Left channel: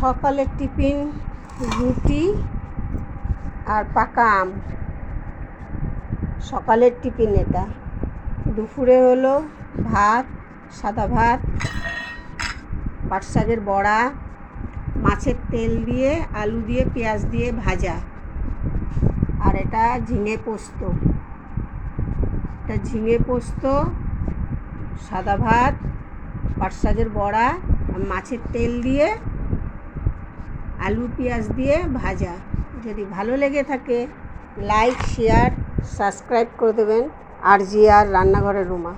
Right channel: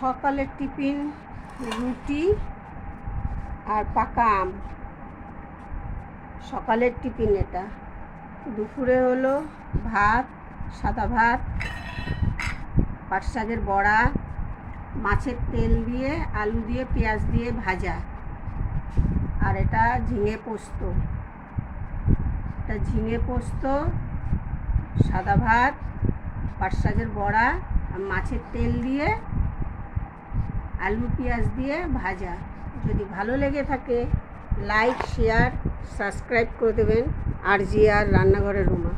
সকালের টিফিন রুটি আর পাকা আম। সকালের টিফিন এটা। দুপুরে হলো ভাত, সাদা ভাত, পাট শাকের বড়া, মাছের তেল দিয়ে, আলু দিয়ে, পেঁয়াজ দিয়ে ভাজা। আর এটা ঝিঙে পোস্ত। এটা ঝিঙে পোস্ত, সাদা ভাত, পাট শাকের বড়া, মাছের তেল দিয়ে, আলু পেঁয়াজ দিয়ে ভাজা। যদি ভালো লেগে থাকে লাইক, শেয়ার, সাবস্ক্রাইব করে দেবেন। RGR রান্নাঘরের রুমা।